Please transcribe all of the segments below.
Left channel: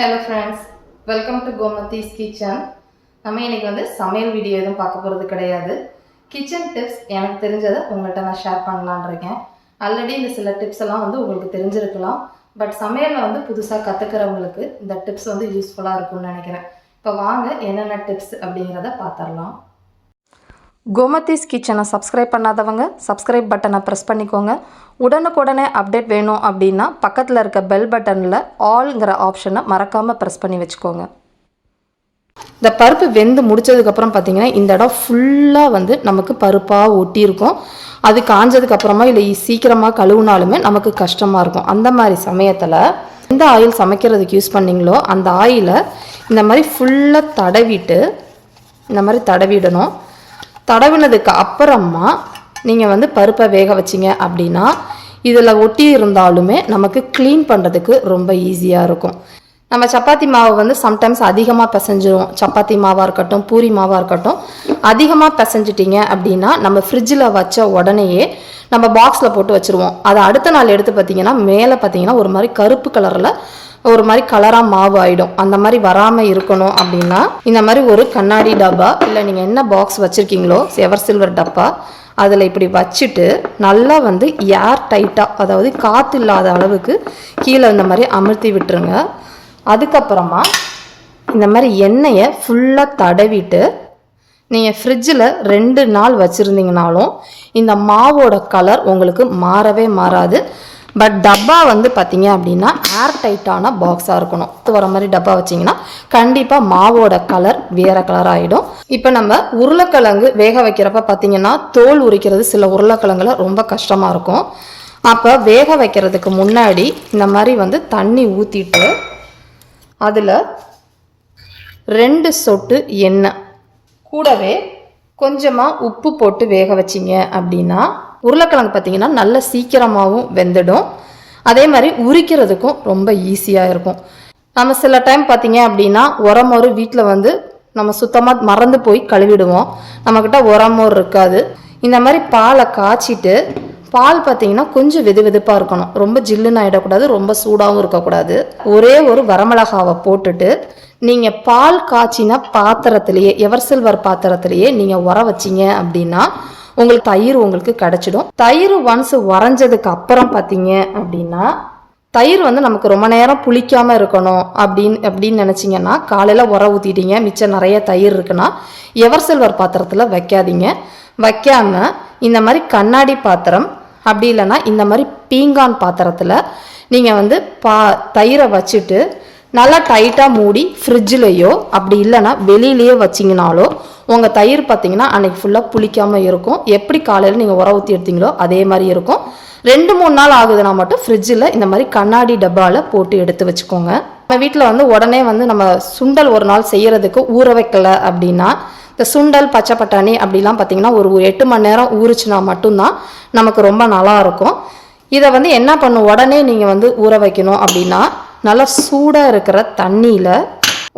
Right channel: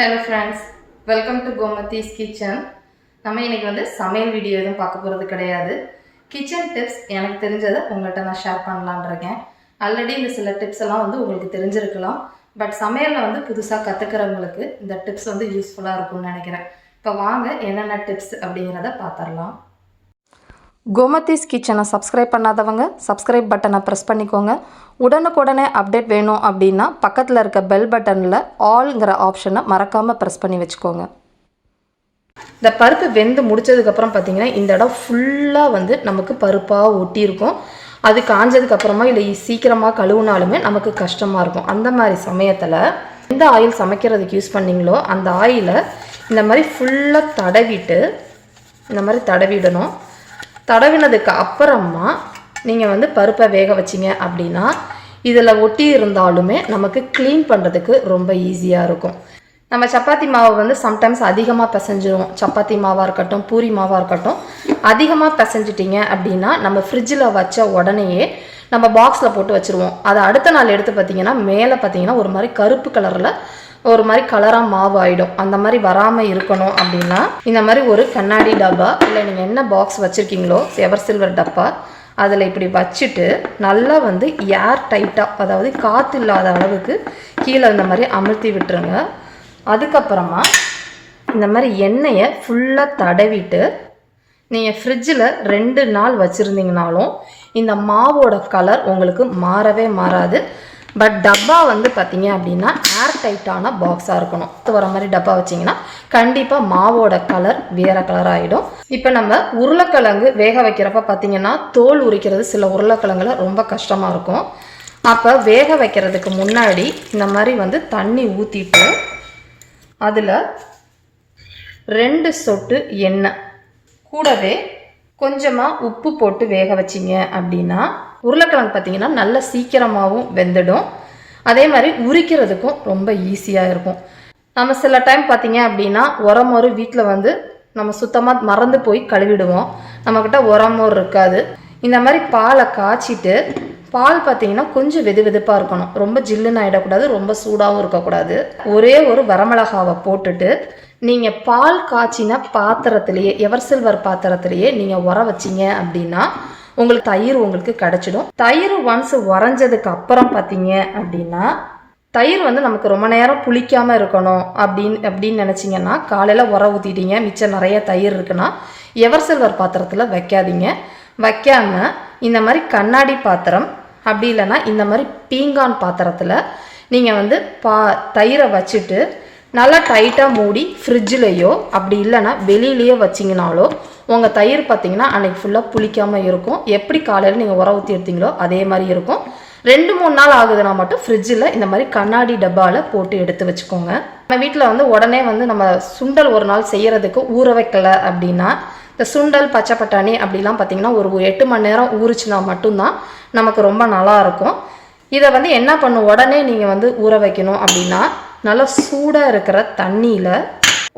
Hello friends, welcome to Gomathi's Kitchen. நம்ம இன்னைக்கு வந்து சமையல் வீடியோ எதுவும் பார்க்க போகிறது கிடையாது. கிச்சன் டிப்ஸ் எனக்கு தெரிஞ்சதை உங்கள்கிட்ட நான் ஷேர் பண்ணலான்னு இருக்கேன். ஆல்ரெடி இந்த சில டிப்ஸ் எல்லாம் வந்து உங்களுக்கு தெரிஞ்சிருக்கலாம். பட் சமையலில் வந்து புதுசாக கற்றுக்கிறவங்களுக்கு இந்த டிப்ஸ் வந்து யூஸ்ஃபுல்லாக இருக்கும்னு நினைக்கிறேன். இப்போ வாங்க என்னென்ன டிப்ஸ் அப்படிங்கிறத பார்த்துடலாம். கோமதிஸ் கிச்சனை சப்ஸ்கிரைப் பண்ணாதவங்க சப்ஸ்கிரைப் பட்டனை ப்ரெஸ் பண்ணிக்கோங்க. உடனுக்குடனே அப்டேட் வேணும் அப்படின்னா பக்கத்தில் இருக்க பெல் பட்டனில் ஆல்ங்கிற ஆப்ஷனை மறக்காமல் ப்ரெஸ் பண்ணி வச்சுக்கோங்க. இந்த பருப்பு வெந்து முடித்ததுக்கப்புறம் பார்த்திங்கன்னா இந்த இடம் ஃபுல்லாக வந்து நமக்கு பருப்பாக ஒட்டியிருக்கும். அது காஞ்சதுக்கப்புறமா இல்லை சீக்கிரமாக கழுவுனாலுமே நமக்கு கஷ்டமாக இருக்கும். அந்த மாதிரி சமயத்தில் எந்த ஆயில் சமைக்கிறதுக்கு யூஸ் பண்ணிங்களோ அந்த ஆயிலை இந்த மாதிரி ஃபுல்லாக தடவிட்டு இந்த மாதிரி தடவிடணும். தடவினதுக்கு அப்புறமா நீங்கள் வந்து பருப்பை வேக வச்சிங்க அப்படின்னா இதில் ஒட்டி இருந்தாலுமே நமக்கு க்ளீன் பண்ணுறதுக்கு ரொம்ப ஈஸியாக இருக்கும். நம்ம சப்பாத்தி மாவை வந்து சம்டைம்ஸ் அதிகமாக பிசைஞ்சிரும். சப்பாத்தி மாவாக இருக்கட்டும் பூரி மாவாக இருக்கட்டும் அதிகமாக பிசைஞ்சிட்டிங்க அப்படின்னா நம்ம ஃப்ரிட்ஜில் வச்ச உடனேயே நம்ம பாக்ஸில் போட்டு வச்சுருவோம். அதை அடுத்த நாள் எடுத்து பார்த்திங்கன்னா மேலே பார்த்திங்கன்னா ஒரு மாதிரி கருப்பு கலரில் ஒரு மாதிரி கலராக மாவு ஆகிடும். அந்த மாதிரி வராமல் இருக்கணும் அப்படின்னா இந்த மாதிரி ஒரு கண்ணாடி டப்பா இல்லை நீங்கள் என்ன பாக்ஸ் வச்சுருக்கீங்களோ எவர் சில்வர் டப்பா அதில் இப்படி வச்சுட்டு நல்லா வந்து ஏர் டைட்டாக, அதாவது காற்று இல்லாத அளவுக்கு கீழே இந்த மாதிரி அமுழ்த்தி விட்டுருங்க. அதுக்கப்புறமா இந்த மாதிரி எண்ணெயை ஃபுல்லாக தடவிட்டு நீங்கள் ஃப்ரிட்ஜில் 2 நாள் வச்சுருந்தீங்கனாலும் இந்த மாவோட கலர் உங்களுக்கு மாறவே மாறாது. பட் டப்பா வந்து பார்த்தீங்க அப்படின்னா ஏர் டைட்டான பாக்ஸாக இருக்கணும். வர மாதிரி டப்பா வச்சிங்கன்னா கண்டிப்பாக மாவோட கலர் வேறு கலர் ஆகிடும். இப்போ நம்ம உருளைக்கிழங்கு வேக வைக்கிறப்ப பார்த்தீங்கன்னா தோல் உரிக்கிறது சில உருளைக்கிழங்குல ரொம்ப கஷ்டமாக இருக்கும். அப்போ வேக வைக்கிறதுக்கு முன்னாடி இந்த மாதிரி வந்து தண்ணி ஊற்றிட்டு அதில் 2 சொட்டு எண்ணெய் கூடவே கொஞ்சமாக உப்பு போட்டு வேக வச்சிங்க அப்படின்னா உருளைக்கிழங்கு பார்த்திங்கன்னா நல்ல சீக்கிரமாகவும் வெந்துடும். அதே மாதிரி உரிக்கிறதுக்கும் ரொம்ப ஈஸியாக இருக்கும். நம்ம சில டைம் பார்த்திங்க அப்படின்னா உரமோறு வீட்டில் வந்து நம்ம சுத்தமாக மறந்து போய் கழுவிடுவோம். நம்மக்கிட்ட உரமோறு இருக்காது. இந்த மாதிரி பாலை காய்ச்சிட்டு பால் பார்த்திங்கன்னா கொஞ்சம் வெது வெதுப்பாக இருக்கணும். ரொம்ப ஜில்லுன்னு ஆகிடக்கூடாது, ரொம்ப சூடாகவும் இருக்கக்கூடாது. ஒரே ஒரு வரமிளகாவை போட்டுட்டு நீங்கள் பால் காய்ச்சின பாத்திரத்திலேயே எவர் சில்வர் பாத்திரத்திலேயே நீங்கள் உர வச்சிங்க அப்படின்னா உங்களுக்கு தயிர் உங்களுக்கு கிடைச்சிடும். தயிர் ஒன்ஸ் உறைஞ்சதுக்கு அப்புறம் பார்த்தீங்க அப்படின்னா தயிர் வந்து நமக்கு ரொம்ப நேரம் புளிக்காமல் இருக்கணும் அப்படின்னு நினச்சிங்கன்னா காலையில் உர ஊற்றிட்டீங்க, மிச்சம் நிறைய தயிர் இருக்குன்னா எவர் சில்வர் பாத்திரத்தில் வைக்காதீங்க. வைக்காமல் இந்த மாதிரி கண்ணாடி பாத்திரம் அப்படி இல்லைன்னா இந்த மாதிரி பீங்கான் பாத்திரத்தில் நீங்கள் வந்து தயிரை வச்சுட்டு நல்லா டைட்டாக மூடி ஃப்ரிட்ஜிலேயோ அப்படி இல்லைன்னா வெளியிலேயே வச்சிங்கனாலோ உங்கள் தயிர் பார்த்தீங்கன்னா அன்றைக்கி ஃபுல்லாக புளிக்காமல் இருக்கும். எப்படி காலையில் நீங்கள் உர ஊற்றி எடுத்தீங்களோ அதே மாதிரி இருக்கும். 2-3 நாள் ஆகுதுன்னா மட்டும் ஃப்ரிட்ஜில் இந்த மாதிரி கண்ணாடி டப்பாவில் போட்டு எடுத்து வச்சுக்கோங்க. நம்ம வீட்டில் வந்து உடனே வந்து நம்ம சுண்டல் ஒரு நாள் செய்கிறதுக்கு ஊற வைக்கலை அப்படின்னா இந்த சுண்டல் பச்சை பட்டாணி அப்படிலாம் பார்த்தீங்கன்னா ஒரு 8 மணி நேரம் ஊறிச்சுனா மட்டும்தான் நமக்கு ரொம்ப நல்லா இருக்கும். இதை வந்து என்ன பண்ணும், உடனே நீங்கள் வந்து ஊற வைக்கணும் அப்படின்னா நல்லா சூடாக இருக்கிற தண்ணியில்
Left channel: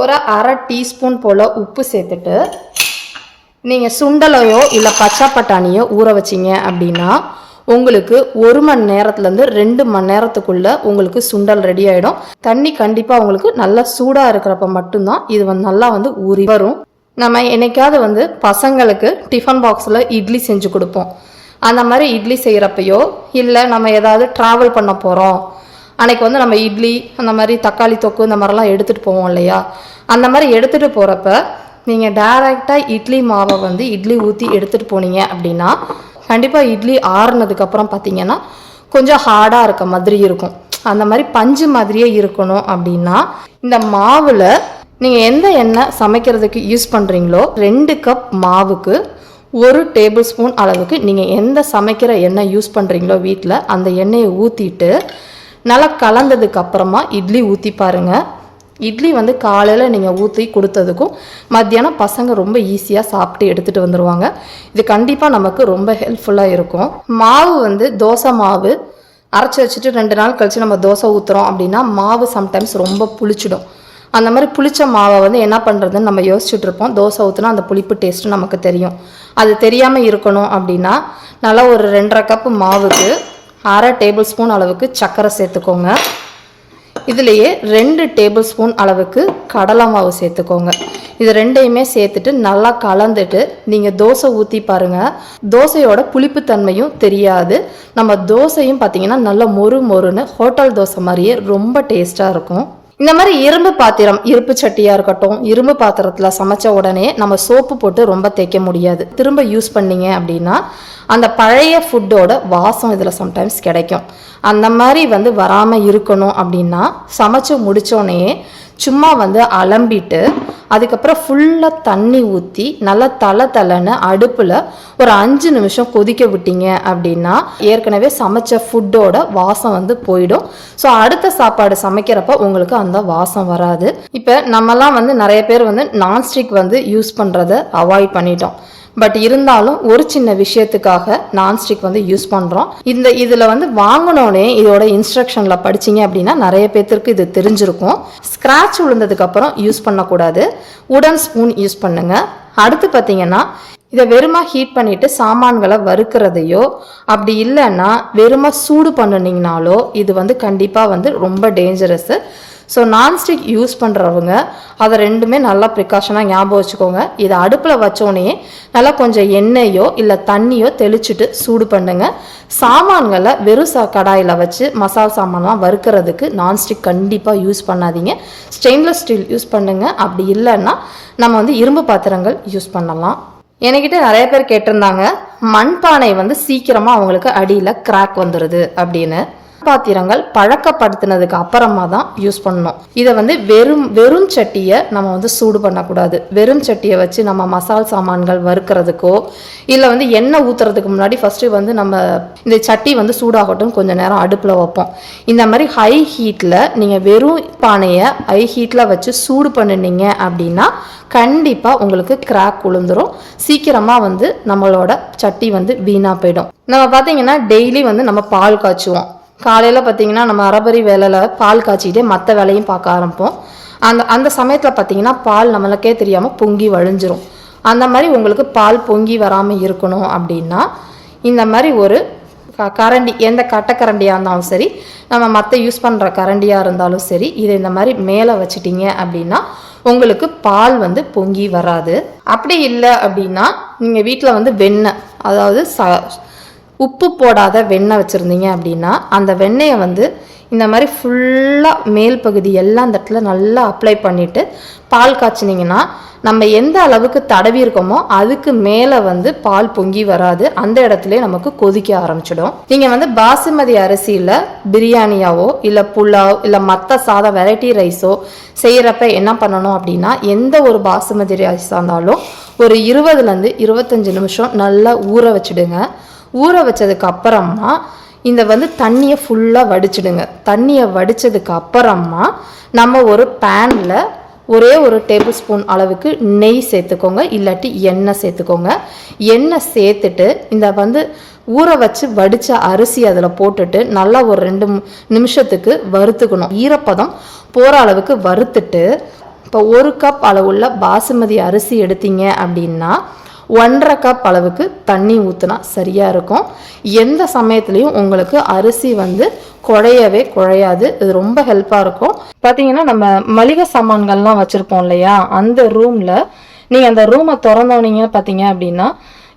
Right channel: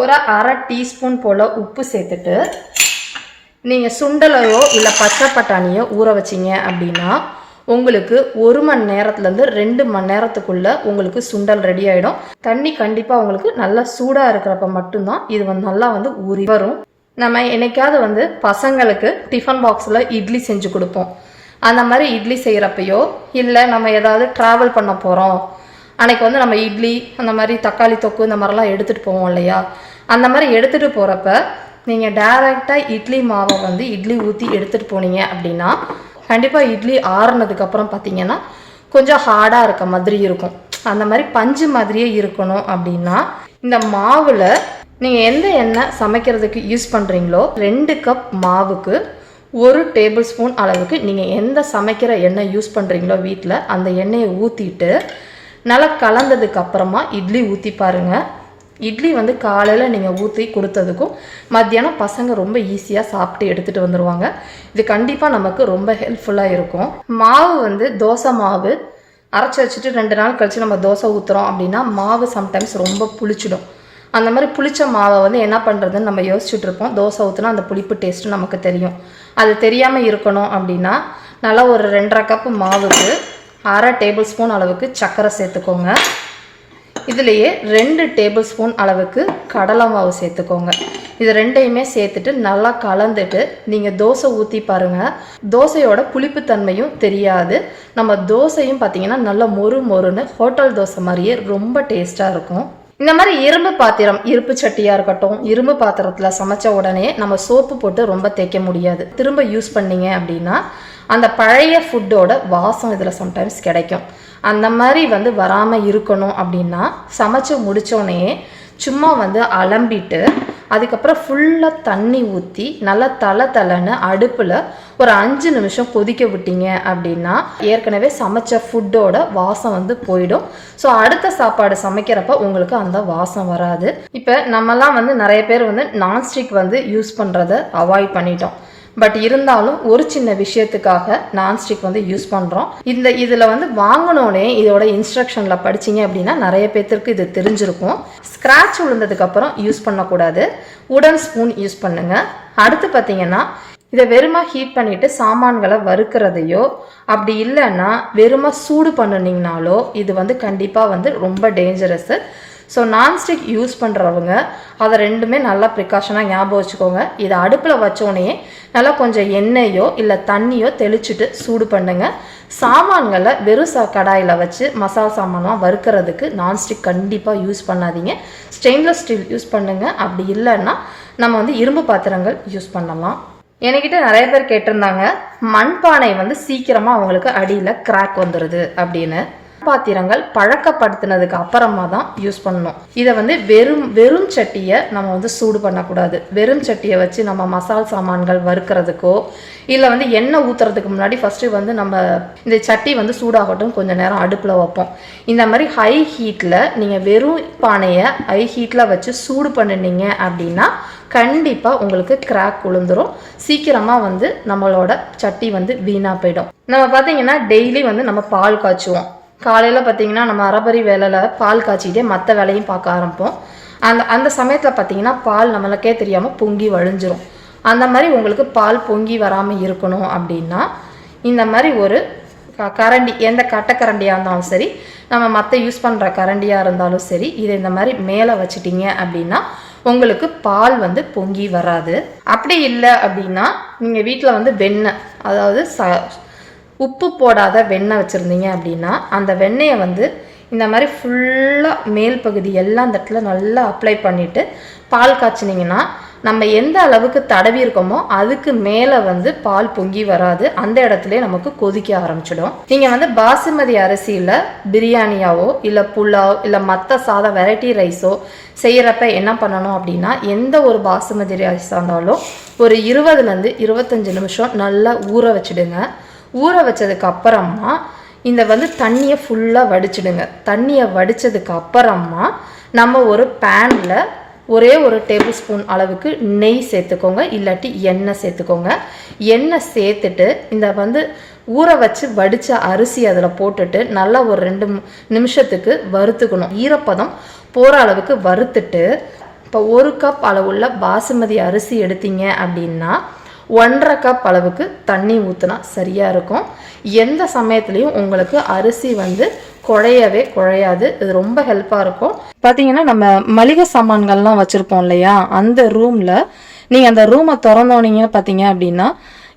ஒரு 1/2 டீஸ்பூன் போல் உப்பு சேர்த்துட்டு நீங்கள் சுண்டலையோ இல்லை பச்சை பட்டாணியோ ஊற வச்சிங்க அப்படின்னா உங்களுக்கு 1 மணி நேரத்துலேருந்து 2 மணி நேரத்துக்குள்ளே உங்களுக்கு சுண்டல் ரெடி ஆகிடும். தண்ணி கண்டிப்பாக உங்களுக்கு நல்லா சூடாக இருக்கிறப்ப மட்டும்தான் இது வந்து நல்லா வந்து ஊறி வரும். நம்ம என்னைக்காவது வந்து பசங்களுக்கு டிஃபன் பாக்ஸில் இட்லி செஞ்சு கொடுப்போம். அந்த மாதிரி இட்லி செய்கிறப்பையோ இல்லை நம்ம ஏதாவது ட்ராவல் பண்ண போகிறோம் அன்றைக்கி வந்து நம்ம இட்லி அந்த மாதிரி தக்காளி தொக்கு இந்த மாதிரிலாம் எடுத்துகிட்டு போவோம் இல்லையா, அந்த மாதிரி எடுத்துகிட்டு போகிறப்ப நீங்கள் டைரெக்டாக இட்லி மாவை வந்து இட்லி ஊற்றி எடுத்துகிட்டு போனீங்க அப்படின்னா கண்டிப்பாக இட்லி ஆறுனதுக்கப்புறம் பார்த்தீங்கன்னா கொஞ்சம் ஹார்டாக இருக்க மாதிரி இருக்கும். அந்த மாதிரி பஞ்சு மாதிரியே இருக்கணும் அப்படின்னா இந்த மாவில் நீங்கள் எந்த எண்ணெய் சமைக்கிறதுக்கு யூஸ் பண்ணுறீங்களோ 2 கப் மாவுக்கு 1 டேபிள் ஸ்பூன் அளவுக்கு நீங்கள் எந்த சமைக்கிற எண்ணெய் யூஸ் பண்ணுறீங்களோ வீட்டில் அந்த எண்ணெயை ஊற்றிட்டு நல்லா கலந்ததுக்கு அப்புறமா இட்லி ஊற்றி பாருங்கள். இட்லி வந்து காலையில் நீங்கள் ஊற்றி கொடுத்ததுக்கும் மத்தியானம் பசங்க ரொம்ப ஈஸியாக சாப்பிட்டு எடுத்துகிட்டு வந்துடுவாங்க. இது கண்டிப்பாக நமக்கு ரொம்ப ஹெல்ப்ஃபுல்லாக இருக்கும். மாவு வந்து தோசை மாவு அரைச்சி வச்சுட்டு 2 நாள் கழித்து நம்ம தோசை ஊற்றுறோம் அப்படின்னா மாவு சம்டைம்ஸ் ரொம்ப புளிச்சிடும். அந்த மாதிரி புளிச்ச மாவை வந்து என்ன பண்ணுறதுன்னு நம்ம யோசிச்சுட்டு இருப்போம். தோசை ஊற்றினா அந்த புளிப்பு டேஸ்ட்டு நமக்கு தெரியும். அது தெரியாமல் இருக்கணும் அப்படின்னா நல்லா ஒரு 2.5 கப்பு மாவுக்கு 1/2 டேபிள் ஸ்பூன் அளவுக்கு சர்க்கரை சேர்த்துக்கோங்க. இதுலேயே 2 டேபிள் ஸ்பூன் அளவுக்கு கடலை மாவு சேர்த்துக்கோங்க. இது ரெண்டையுமே சேர்த்துட்டு நல்லா கலந்துட்டு நீங்கள் தோசை ஊற்றி பாருங்கள். தோசையோட புளிப்புத்தன்மையும் தெரியாது. நம்ம தோசையும் பார்த்தீங்கன்னா நல்லா மொறு மொறுன்னு ஹோட்டல் தோசை மாதிரியே ரொம்ப டேஸ்ட்டாக இருக்கும். இந்த மாதிரி இரும்பு பாத்திரம், இருப்பு சட்டியாக இருக்கட்டும், இரும்பு பாத்திரத்தில் சமைச்ச உடனே நம்ம சோப்பு போட்டு ரொம்ப தேய்க்க முடியாது. திரும்ப யூஸ் பண்ணீங்க அப்படின்னா அந்த பழைய ஃபுட்டோட வாசம் இதில் சம்டைம்ஸ் கிடைக்கும். அந்த மாதிரி வராமல் இருக்கணும் அப்படின்னா சமைச்சு முடித்தோடனே சும்மா அலம்பிட்டு அதுக்கப்புறம் ஃபுல்லாக தண்ணி ஊற்றி நல்லா தலைன்னு அடுப்பில் ஒரு 5 நிமிஷம் கொதிக்க விட்டீங்க அப்படின்னா ஏற்கனவே சமைச்ச ஃபுட்டோட வாசம் போயிடும். ஸோ அடுத்த சாப்பாடு சமைக்கிறப்ப உங்களுக்கு அந்த வாசம் வராது. இப்போ நம்மலாம் நிறைய பேர் நான்ஸ்டிக் யூஸ் பண்ணுறதை அவாய்ட் பண்ணிட்டோம். பட் இருந்தாலும் ஒரு சின்ன விஷயத்துக்காக நான்ஸ்டிக் யூஸ் பண்ணுறோம். இதில் வாங்கினோடனே இதோட இன்ஸ்ட்ரக்ஷனில் படிச்சிங்க அப்படின்னா நிறைய பேர்த்திற்கு இது தெரிஞ்சிருக்கும். ஸ்க்ராட்ச் விழுந்ததுக்கப்புறம் யூஸ் பண்ணக்கூடாது. உடன் ஸ்பூன் யூஸ் பண்ணுங்க. அடுத்து பார்த்தீங்கன்னா இதை வெறுமா ஹீட் பண்ணிட்டு சாமான்களை வறுக்கிறதையோ அப்படி இல்லைன்னா வெறுமா சூடு பண்ணினீங்கனாலோ இது கண்டிப்பாக ரொம்ப டேஞ்சரஸ். ஸோ நான்ஸ்டிக் யூஸ் பண்ணுறவங்க அதை ரெண்டுமே நல்லா ப்ரிகாஷனாக ஞாபகம் வச்சுக்கோங்க. இதை அடுப்பில் வச்சோடனே நல்லா கொஞ்சம் எண்ணெயோ இல்லை தண்ணியோ தெளிச்சுட்டு சூடு பண்ணுங்க. சாமான்களை வெறும் கடாயில் வச்சு மசாலா சாமான்லாம் வறுக்கிறதுக்கு நான்ஸ்டிக் கண்டிப்பாக யூஸ் பண்ணாதீங்க. ஸ்டெயின்லெஸ் ஸ்டீல் யூஸ் பண்ணுங்க. அப்படி இல்லைன்னா நம்ம இரும்பு பாத்திரங்கள் யூஸ் பண்ணலாம். என்கிட்ட நிறைய பேர் கேட்டிருந்தாங்க, மண்பானை சீக்கிரமாக அவங்களுக்கு அடியில் கிராக் வந்துடுது அப்படின்னு. பாத்திரங்கள் பழக்கப்படுத்தினதுக்கு அப்புறமா தான் யூஸ் பண்ணணும். இதை வெறும் சட்டியை நம்ம சூடு பண்ணக்கூடாது. வெறும் சட்டியை வச்சு நம்ம மசால் சாமான்கள் வறுக்கிறதுக்கோ இல்லை எண்ணெய் ஊற்றுறதுக்கு முன்னாடி ஃபஸ்ட்டு நம்ம இந்த சட்டி சூடாகட்டும் கொஞ்சம் நேரம் அடுப்பில் வைப்போம். இந்த மாதிரி ஹை ஹீட்டில் நீங்கள் வெறும் பானையை ஹை ஹீட்டில் வச்சு சூடு பண்ணினீங்க அப்படின்னா கண்டிப்பாக உங்களுக்கு கிராக் விழுந்துடும். சீக்கிரமாக நம்மளோட சட்டி வீணாக போயிடும். நம்ம பார்த்தீங்கன்னா டெய்லி நம்ம பால் காய்ச்சுவோம். காலையில் பார்த்தீங்கன்னா நம்ம அரைபரி வேலையில் பால் காய்ச்சிக்கிட்டே மற்ற வேலையும் பார்க்க ஆரம்பிப்போம். அந்த சமயத்தில் பார்த்தீங்கன்னா பால் நம்மளுக்கே தெரியாமல் பொங்கி வழிஞ்சிரும். அந்த மாதிரி உங்களுக்கு பால் பொங்கி வராமல் இருக்கணும் அப்படின்னா இந்த மாதிரி ஒரு கரண்டி, எந்த கட்டைக்கரண்டியாக இருந்தாலும் சரி, நம்ம மற்ற யூஸ் பண்ணுற கரண்டியாக இருந்தாலும் சரி, இதை இந்த மாதிரி மேலே வச்சிட்டிங்க அப்படின்னா உங்களுக்கு பால் பொங்கி வராது. அப்படி இல்லை அப்படின்னா நீங்கள் வீட்டில் வெண்ணெய், அதாவது உப்பு போடாத வெண்ணெய் வச்சுருந்தீங்க அப்படின்னா அந்த வெண்ணெயை இந்த மாதிரி ஃபுல்லாக மேல் பகுதி எல்லாம் இந்த இடத்துல நல்லா அப்ளை பண்ணிவிட்டு பால் காய்ச்சினீங்கன்னா நம்ம எந்த அளவுக்கு தடவி இருக்கோமோ அதுக்கு மேலே பால் பொங்கி வராது. அந்த இடத்துல நமக்கு கொதிக்க ஆரம்பிச்சிடும். நீங்கள் பாசுமதி அரிசியில் பிரியாணியாவோ இல்லை புலாவ் இல்லை மற்ற சாதம் வெரைட்டி ரைஸோ செய்கிறப்ப என்ன பண்ணணும் அப்படின்னா எந்த ஒரு பாசுமதி ரைஸாக இருந்தாலும் ஒரு 20 to 25 நிமிஷம் நல்லா ஊற வச்சுடுங்க. ஊற வச்சதுக்கு அப்புறமா இந்த தண்ணியை ஃபுல்லாக வடிச்சிடுங்க. தண்ணியை வடித்ததுக்கு அப்புறமா நம்ம ஒரு பேனில் ஒரே ஒரு டேபிள் ஸ்பூன் அளவுக்கு நெய் சேர்த்துக்கோங்க, இல்லாட்டி எண்ணெய் சேர்த்துக்கோங்க. எண்ணெய் சேர்த்துட்டு இந்த ஊற வச்சு வடித்த அரிசி அதில் போட்டுட்டு நல்லா ஒரு 2 நிமிஷத்துக்கு வறுத்துக்கணும். ஈரப்பதம் போகிற அளவுக்கு வறுத்துட்டு இப்போ 1 கப் அளவுள்ள பாசுமதி அரிசி எடுத்தீங்க அப்படின்னா 1.5 கப் அளவுக்கு தண்ணி ஊற்றினா சரியாக இருக்கும். எந்த சமயத்துலையும் உங்களுக்கு அரிசி குழையவே குழையாது. இது ரொம்ப ஹெல்ப்பாக இருக்கும். பார்த்தீங்கன்னா நம்ம மளிகை சாமான்கள்லாம் வச்சுருப்போம் இல்லையா, அந்த ரூமில் நீங்கள் அந்த ரூமை திறந்தோனீங்க பார்த்தீங்க அப்படின்னா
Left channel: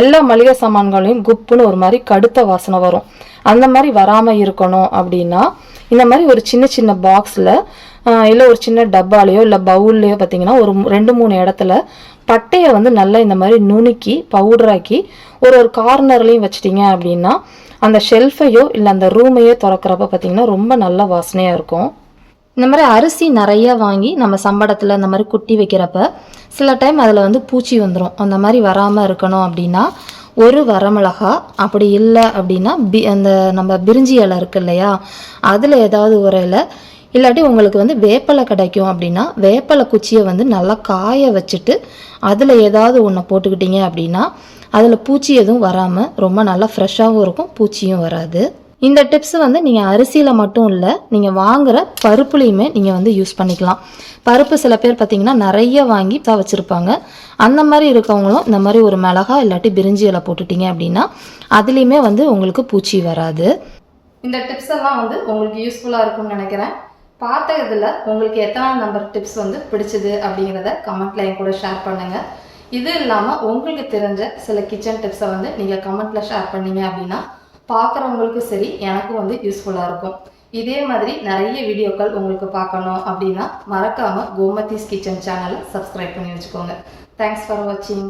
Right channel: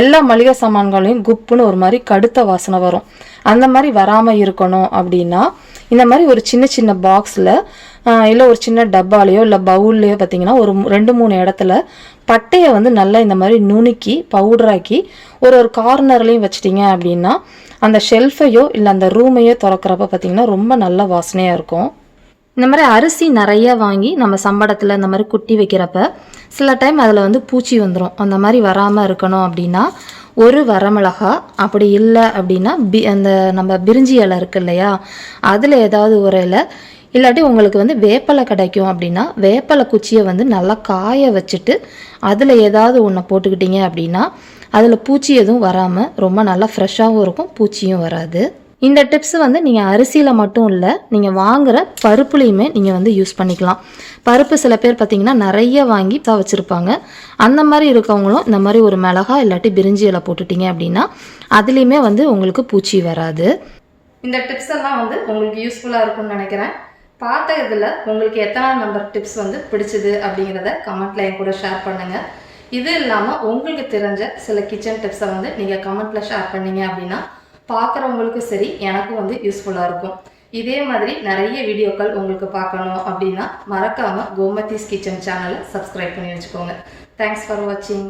எல்லா மளிகை சாமான்களையும் குப்புன்னு ஒரு மாதிரி கடுத்த வாசனை வரும். அந்த மாதிரி வராமல் இருக்கணும் அப்படின்னா இந்த மாதிரி ஒரு சின்ன சின்ன பாக்ஸில் இல்லை ஒரு சின்ன டப்பாலேயோ இல்லை பவுல்லையோ பார்த்தீங்கன்னா ஒரு 2-3 இடத்துல பட்டையை நல்லா இந்த மாதிரி நுணுக்கி பவுடராக்கி ஒரு கார்னர்லையும் வச்சிட்டிங்க அப்படின்னா அந்த ஷெல்ஃபையோ இல்லை அந்த ரூமையோ திறக்கிறப்ப பார்த்தீங்கன்னா ரொம்ப நல்ல வாசனையாக இருக்கும். இந்த மாதிரி அரிசி நிறைய வாங்கி நம்ம சம்படத்தில் இந்த மாதிரி குட்டி வைக்கிறப்ப சில டைம் அதில் பூச்சி வந்துடும். அந்த மாதிரி வராமல் இருக்கணும் அப்படின்னா ஒரு வரமிளகா, அப்படி இல்லை அப்படின்னா அந்த நம்ம பிரிஞ்சி இலை இருக்கு இல்லையா, அதில் ஏதாவது ஒரு இலை, இல்லாட்டி உங்களுக்கு வேப்பலை கிடைக்கும் அப்படின்னா வேப்பலை குச்சியை நல்லா காய வச்சுட்டு அதில் ஏதாவது ஒன்று போட்டுக்கிட்டீங்க அப்படின்னா அதில் பூச்சி எதுவும் வராமல் ரொம்ப நல்லா ஃப்ரெஷ்ஷாகவும் இருக்கும், பூச்சியும் வராது. இந்த டிப்ஸ் நீங்கள் அரிசியில் மட்டும் இல்லை, நீங்கள் வாங்குகிற பருப்புலையுமே நீங்கள் யூஸ் பண்ணிக்கலாம். பருப்பு சில பேர் பார்த்தீங்கன்னா நிறைய வாங்கி வச்சுருப்பாங்க. அந்த மாதிரி இருக்கவங்களும் இந்த மாதிரி ஒரு மிளகா இல்லாட்டி பிரிஞ்சி இலை போட்டுட்டிங்க அப்படின்னா அதுலேயுமே உங்களுக்கு பூச்சி வராது. இந்த டிப்ஸ் எல்லாம் உங்களுக்கு யூஸ்ஃபுல்லாக இருக்கும்னு நினைக்கிறேன். பார்த்ததில் உங்களுக்கு எத்தனை நம்பர் டிப்ஸ் வந்து பிடிச்சது அப்படிங்கிறத கமெண்ட்டில் என் கூட ஷேர் பண்ணுங்கள். இது இல்லாமல் உங்களுக்கு தெரிஞ்ச சில கிச்சன் டிப்ஸை வந்து நீங்கள் கமெண்ட்டில் ஷேர் பண்ணீங்க அப்படின்னா பார்க்குறவங்களுக்கும் சரி எனக்கும் வந்து யூஸ்ஃபுல்லாக இருக்கும். இதே மாதிரி நிறைய வீடியோக்கள் உங்களுக்கு பார்க்கணும் அப்படின்னா மறக்காமல் கோமதிஸ் கிச்சன் சேனலை சப்ஸ்கிரைப் பண்ணி வச்சுக்கோங்க. தேங்க்ஸ் ஃபார் வாட்சிங்.